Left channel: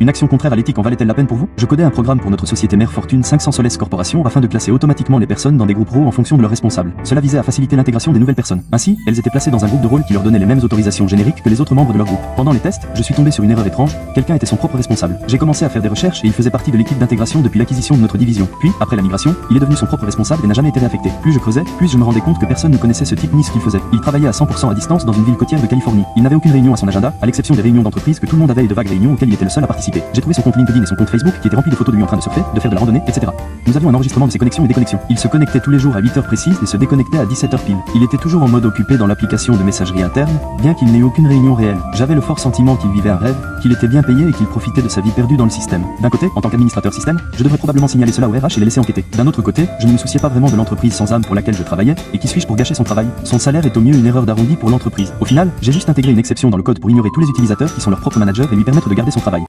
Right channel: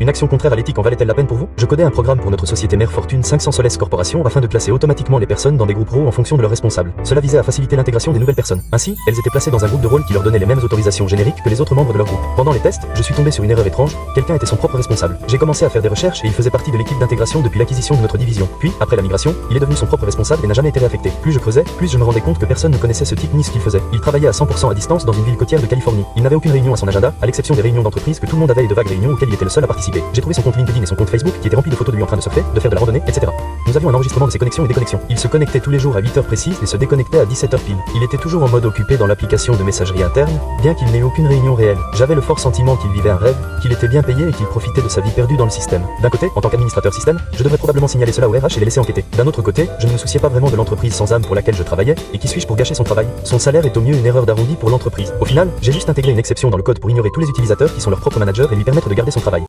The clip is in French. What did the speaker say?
Une action contraire à l'éthique en valait-elle la peine pour vous? Je codais un programme pour notre société mère Fortune 500 Soles Corporation afin de classer automatiquement les personnes dans des groupes rôles en fonction de leurs responsables. Cela visait à faciliter l'intégration des nouvelles personnes. Ainsi, elles étaient placées dans un groupe de rôle qui leur donnait les mêmes autorisations génériques que les autres membres de leur groupe. Pendant les tests, je suis tombé sur une erreur étrange, quelqu'un était son propre responsable. J'ai commencé à faire des recherches et il faisait partie de l'équipe d'intégration depuis l'acquisition de notre division. Puis, après la migration, il est devenu son propre responsable et n'a jamais été réaffecté. Plus je creusais, plus je me rendais compte que personne ne connaissait ce type ni ce qu'il faisait. Il travaillait à 100% à distance dans une ville côtière de Californie. Il n'avait aucune réunion à son agenda, à l'exception des réunions d'entreprise que tout le monde avait et de vagues réunions auxquelles il était le seul à participer. J'ai trouvé son compte LinkedIn et son compte Facebook qui étaient remplis de photos de lui en train de surfer, de faire de la randonnée, etc. Nous avions un enregistrement de ses connexions et déconnexions. Il se connectait tous les jours à 8 heures précises et se déconnectait à 17 heures pile. Il était toujours en mode occupé dans l'application de messagerie interne, bien qu'il n'ait eu aucune réunion réelle. J'avais le fort sentiment qu'il vivait un rêve, qu'il était bien payé et qu'il profitait de sa vie perdue dans le système. D'un côté, en tant qu'administrateur système, je devrais probablement signaler cela au RH et les laisser enquêter. D'un autre côté, je ne me souciais pas vraiment de l'entreprise sans âme pour laquelle je travaillais, et qui suis-je pour gâcher son travail? Son salaire est au mieux une erreur d'arrondi pour l'entreprise. Au final, j'ai juste intégré une exception dans le code pour ignorer tous les utilisateurs qui sont leurs propres managers et lui permettre de garder son travail.